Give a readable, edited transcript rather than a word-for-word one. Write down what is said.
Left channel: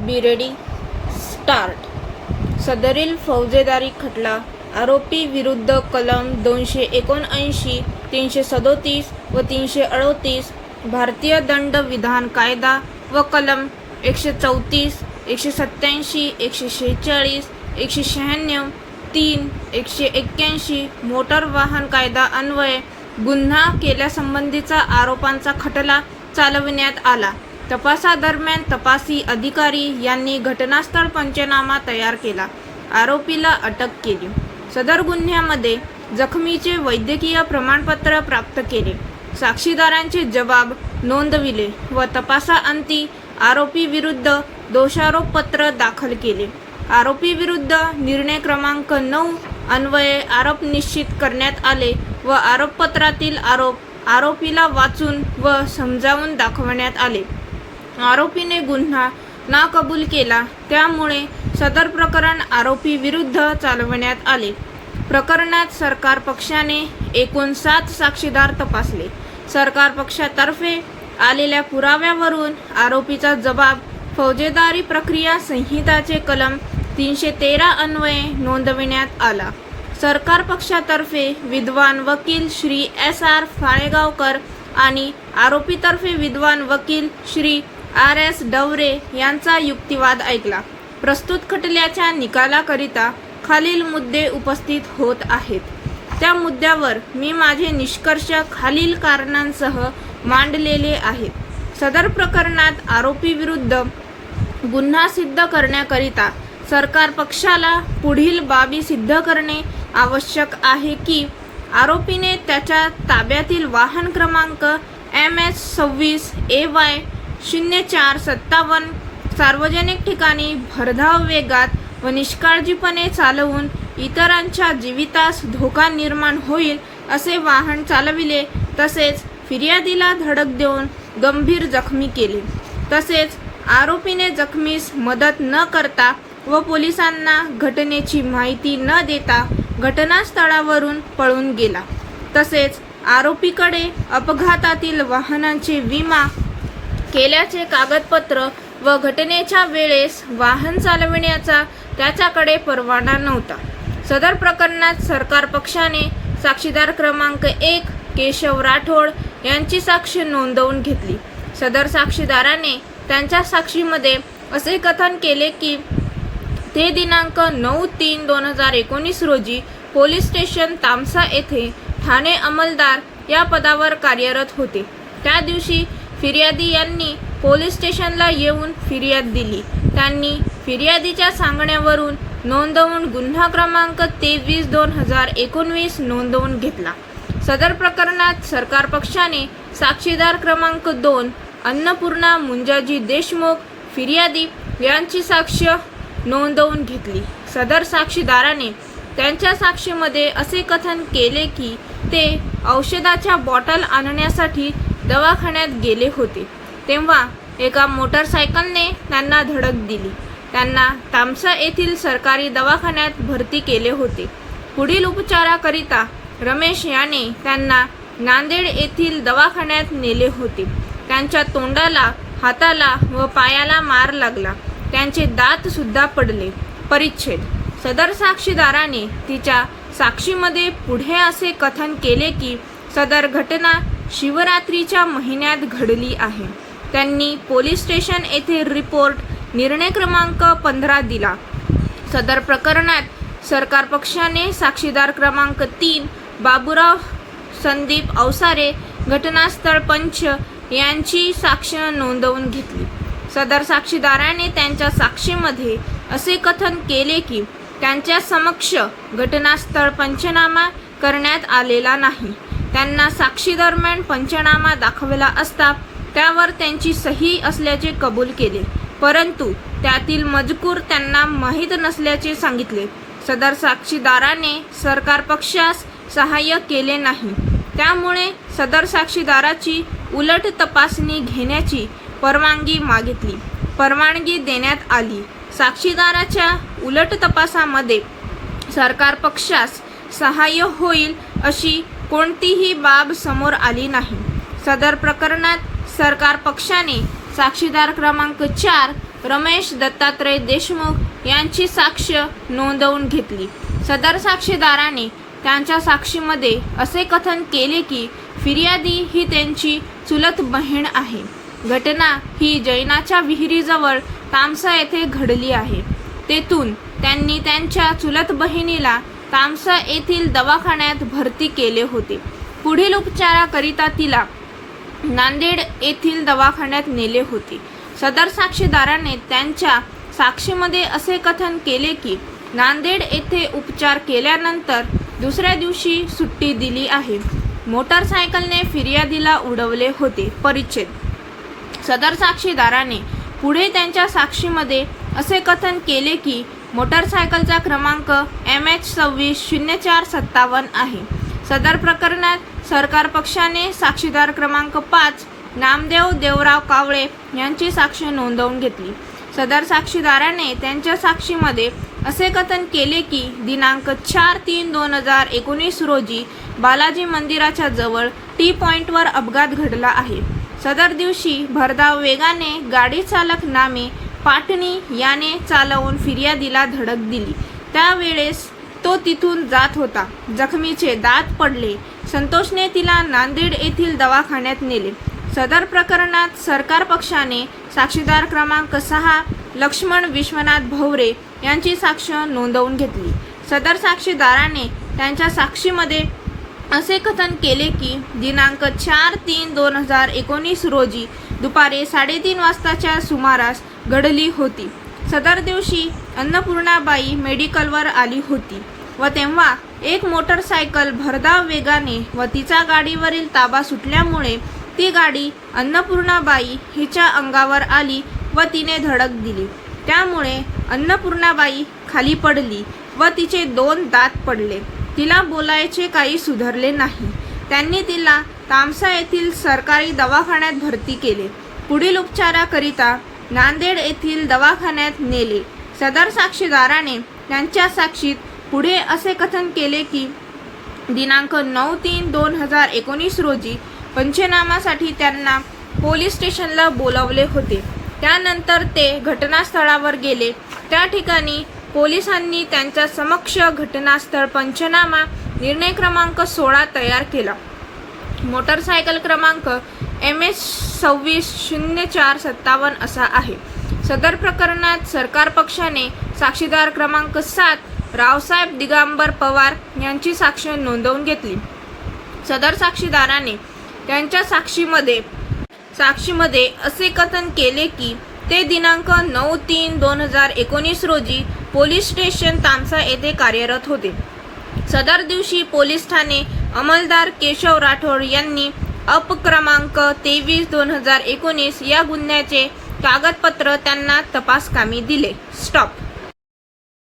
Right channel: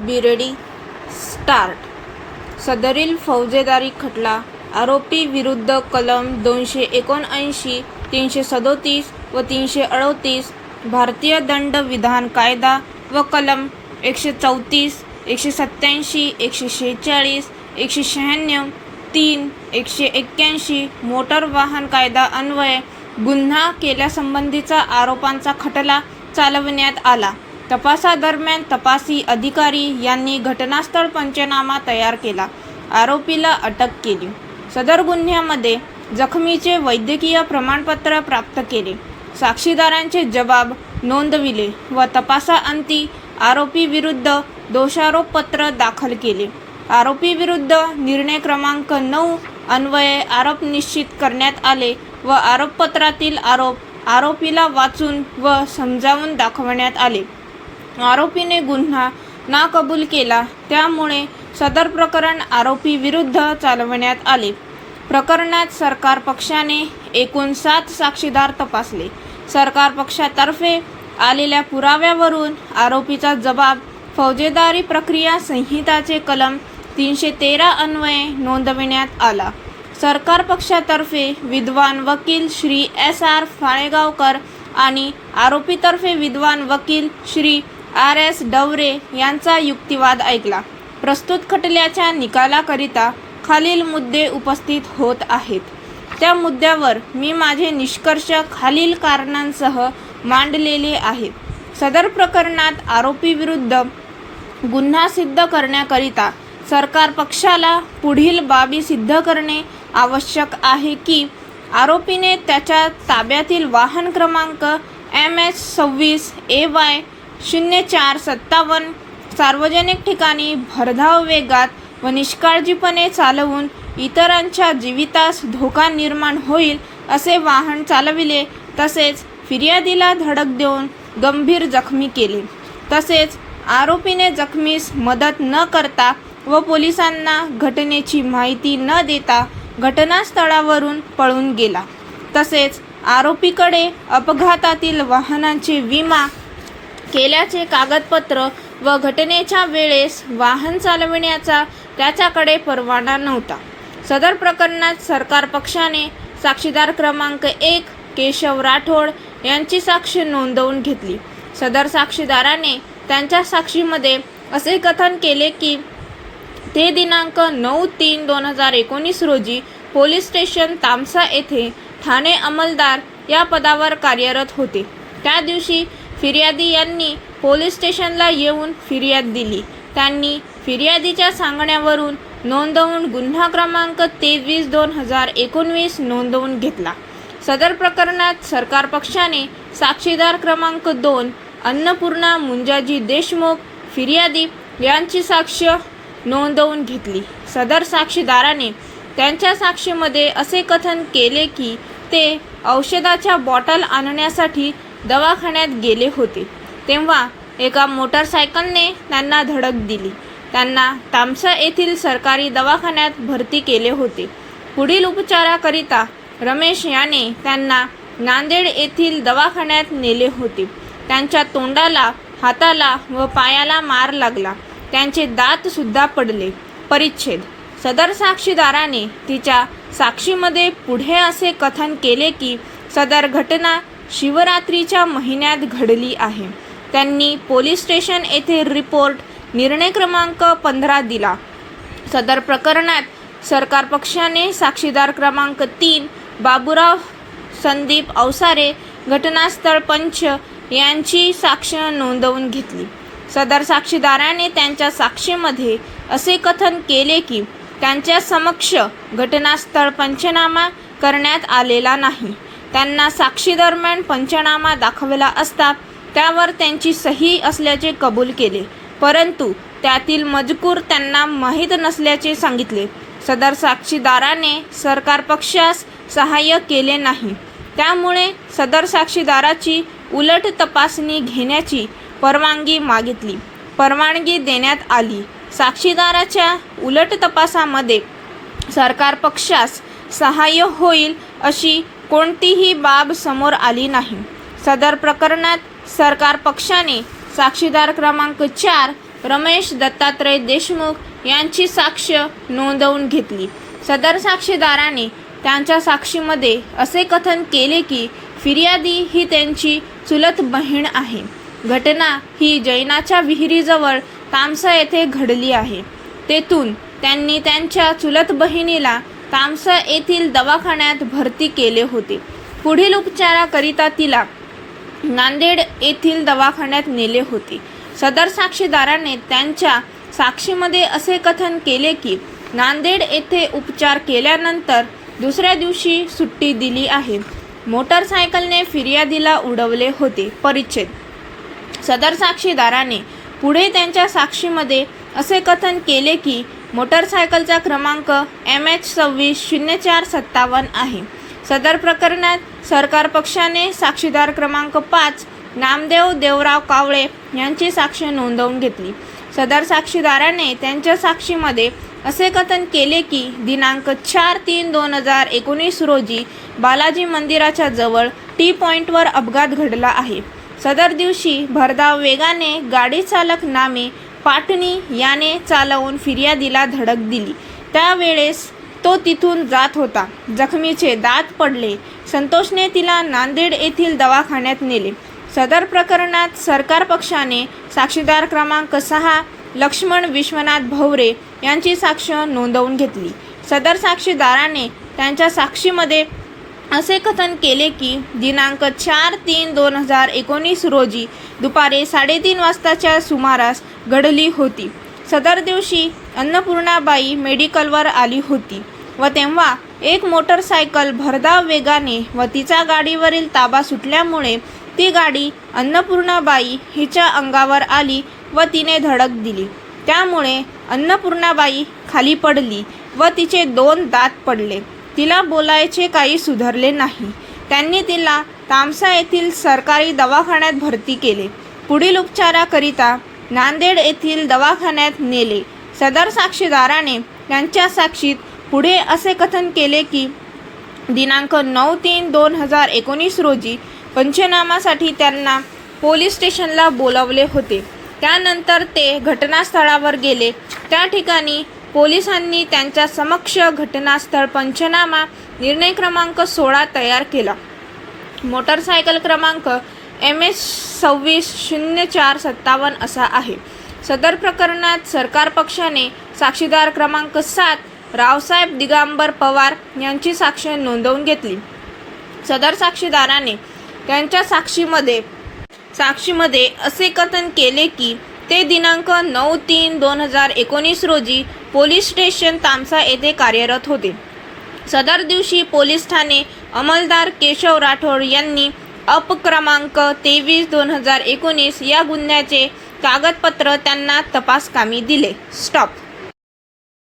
Be ready start. सदरील फौजदारी खटला आरोपी विरुद्ध कलम 279, 337 व 338 भारतीय दंड विधान कायदा व कलम 134, 187, 146, 196, 3, 181 मोटर वाहन कायदा अन्वये गुन्हा केल्यासंबंधीचा आरोपांचा खटला चालविण्यात आला. तपासादरम्यान तपासी अधिकारी यांनी घटनास्थळ पंचनामा तयार केला. आरोपीला अटक केली. सदर गुन्ह्यामध्ये जखमीचे वैद्यकीय प्रमाणपत्र प्राप्त केले. साक्षीदारांचे जबाब नोंदविले व तपासाअंती आरोपी विरुद्ध दोषारोपपत्र दाखल केले. आरोपी विरुद्ध निर्णय क्रमांक 9 अन्वये आरोप निश्चित करण्यात आले व आरोपपत्रातील आरोप आरोपीला वाचून व समजावून दाखवण्यात आले. आरोपीने गुन्हा ना कबूल केला, त्यामुळे सदर प्रकरण आरोपी विरुद्ध चालवण्यात आले. प्रकरणात सरकार पक्षाने एकूण 7 साक्षीदार तपासले. सरकार पक्षातर्फे आलेल्या पुराव्यावरून आरोपीचा जबाब फौजदारी प्रक्रिया संहिताचे कलम 313 अन्वये नोंदविण्यात आला. सरकार पक्षातर्फे विद्वान वकील श्री S.R. फाळेगावकर आणि आरोपीतर्फे विद्वान वकील श्री R.S. डवरे यांचा युक्तिवाद ऐकला. प्रस्तुत खटल्याच्या निकालाकरिता खालील मुद्दे उपस्थित होत आहेत. त्या मुद्द्यावर मी माझे निष्कर्ष खालील कारणांसह मांडलेले आहेत. सदर प्रकरणात आरोपी विरुद्ध गुन्हा सिद्ध करण्याकरिता सरकार पक्षाला पुढील बाबी सिद्ध करणे आवश्यक आहे की आरोपीने त्याच्या ताब्यातील वाहन क्रमांक MH26 AY 0457 सार्वजनिक ठिकाणी भरधाव वेगात व निष्काळजीपणे चालवून इतरांच्या जीवितास धोका निर्माण होईल असे वाहन चालविले, तसेच फिर्यादीला धडक देऊन गंभीर जखमी केले. तसेच आरोपीने जखमीस मदत न करता व पोलिसांना घटनेची माहिती न देता घटनास्थळावरून पळून गेला. तसेच आरोपीकडे अपघातातील वाहनांचे विमा केल्याचे कागदपत्र व घटनेच्या वेळेस वाहन चालविण्याचा त्याच्याकडे परवाना नव्हता. सदर प्रकरणात सरकार पक्षाने साक्षीदार क्रमांक 1 केशव राठोड यांची साक्ष नोंदवून घेतली. सदर साक्षीदाराने त्यांच्या साक्षीमध्ये असे कथन केले की ते दिनांक 9/3/2019 रोजी पोलीस स्टेशन तामसा येथे ठाणे अंमलदार या पदावर कार्यरत होते. त्या दिवशी फिर्यादी यांनी पोलीस स्टेशनला येऊन फिर्याद दिली. त्यांनी फिर्यादीच्या सांगण्यावरून नोंदवून गुन्हा क्रमांक 23/2019 नोंदवून घेतला. सदर प्रकरणात सरकार पक्षाने साक्षीदार क्रमांक 2 अन्नपूर्णा मुंजाजी देशमुख फिर्यादी यांची साक्ष नोंदवून घेतली. सदर साक्षीदाराने त्यांच्या साक्षीमध्ये असे कथन केले की ते औषधाच्या बॉटल आणण्यासाठी दवाखान्यात गेले होते, तेव्हा एका मोटरसायकलने त्यांना धडक दिली. त्यांना तामसा येथील सरकारी दवाखान्यात भरती केले होते. पुढील उपचाराकरिता रमेश याने त्यांना नांदेड येथील दवाखान्यात नेले होते. त्यांच्या तोंडाला, हाताला व पायाला मार लागला. त्यांचे दात सुद्धा पडले. परिच्छेद. सदर साक्षीदाराने तिच्या साक्षीमध्ये पुढे असे कथन केले की सदर घटना शिवरात्रीच्या महिन्यात घडली आहे. त्यांनी पोलीस स्टेशन येथे रिपोर्ट निर्णय क्रमांक 15 दिला. सदर प्रकरणात सरकार पक्षाने साक्षीदार क्रमांक 3 बाबूराव संदीप अवसारे घटनास्थळ पंच यांची साक्ष नोंदवून घेतली. सदर साक्षीदाराने त्यांच्या साक्षीमध्ये असे कथन केले की त्यांच्या समक्ष घटनास्थळ पंचनामा करण्यात आलेला नाही. त्यांना साक्षी दरम्यान पंचनामा दाखवला असता त्यावर त्यांची सही असल्याचे कबूल केले, परंतु त्यातील मजकूर त्यांना माहीत नसल्याचे सांगितले. सदर साक्षीदाराने सरकार पक्षास सहाय्य केले नाही, त्यामुळे सदर साक्षीदाराची उलट तपासणी घेण्याची परवानगी मागितली. परवानगी देण्यात आली. साक्षीदाराच्या उलट तपासामध्ये सरकार पक्षास सहाय्य होईल अशी कोणतीही बाब समोर आली नाही. सदर प्रकरणात सरकार पक्षाने साक्षीदार क्रमांक 4 रमेश दत्तात्रय देशमुख यांची साक्ष नोंदवून घेतली. सदर साक्षीदाराने त्यांच्या साक्षीमध्ये असे कथन केले की फिर्यादी ही त्यांची चुलत बहीण आहे. घटना ही जैनाच्या विहिरीजवळ तामसा येथे घडली आहे. तेथून त्यांनी त्यांच्या चुलत बहिणीला तामसा येथील दवाखान्यात भरती केले होते. पुढील उपचाराकरिता तिला नांदेड येथील दवाखान्यात नेले होते. सदर साक्षीदाराने त्यांच्या साक्षीमध्ये असे कथन केले की नांदेड येथे उपचार केल्यानंतर दुसऱ्या दिवशी सुट्टी दिली आहे. मोटरसायकलने फिर्यादीला उडवले होते. परिच्छेद. सदर साक्षीदाराने पुढे त्यांच्या साक्षीमध्ये असे कथन केले की मोटरसायकलचा क्रमांक MH260457 आहे. सदर प्रकरणात सरकार पक्षाने साक्षीदार क्रमांक 5 नामदेव देवराव कावळे यांची साक्ष नोंदवून घेतली. सदर साक्षीदाराने त्यांच्या साक्षीमध्ये असे कथन केले की दिनांक 4/3/2019 रोजी बालाजी मंदिराच्या जवळ टी पॉइंटवर अपघात घडला आहे. सदर दिवशी भरधाव वेगाने गाडी चालक नामे पाटणी याने चालवून फिर्यादीला धडक दिली. त्यावेळेस तो तिथून जात होता. जखमीचे दात पडले. संतोषने तिला नांदेड येथील दवाखान्यात नेले. सदर प्रकरणात सरकार पक्षाने साक्षीदार क्रमांक 6 लक्ष्मण विश्वनाथ भवरे यांची साक्ष नोंदवून घेतली. सदर साक्षीदाराने त्यांच्या साक्षीमध्ये असे कथन केले की दिनांक 4/3/2019 रोजी दुपारी 3:30 वाजताच्या सुमारास घडली होती. सदर दिवशी अन्नपूर्णाबाई मेडिकलवर आली होती व तेव्हा एक मोटरसायकल भरधाव वेगाने व तिचा गाडीवरील ताबा सुटल्यामुळे ती गाडी अन्नपूर्णाबाई हिच्या अंगावर आली व तिने धडक दिली. त्यामुळे अन्नपूर्णाबाई खाली पडली व तिचे 2 दात पडले. तिला बोलायचे काही सुधारले नाही. त्यांनी तिला तामसा येथील सरकारी दवाखान्यात भरती केले. पुढील उपचाराकरिता नांदेड येथील दवाखान्यात नेले. सदर साक्षीदाराने त्यांच्या साक्षीत पुढे असे कथन केले की दिनांक 9/3/2019 रोजी पंचनामासाठी त्यांना पोलीस स्टेशनला बोलावले होते. त्यानंतर ते घटनास्थळावर गेले. त्या ठिकाणी पोलिसांनी त्यांच्या समक्ष घटनास्थळ पंचनामा निर्णय क्रमांक 16 तयार केला. मोटरसायकल क्रमांक MH260457 असा आहे. सदर प्रकरणात सरकार पक्षाने साक्षीदार क्रमांक 7 रावसाहेब दिगंबर पवार यांची साक्ष नोंदवून घेतली. सदर साक्षीदाराने त्यांच्या साक्षीमध्ये असे कथन केले की ते दिनांक 9/3/2019 रोजी पोलीस स्टेशन तामसा येथे कार्यरत होते. सदर दिवशी पोलीस ठाणे अंमलदार केशव राठोड यांनी अप क्रमांक 23/2019 या गुन्ह्याचे कागदपत्र त्यांना तपासकामी दिले. स्टॉप.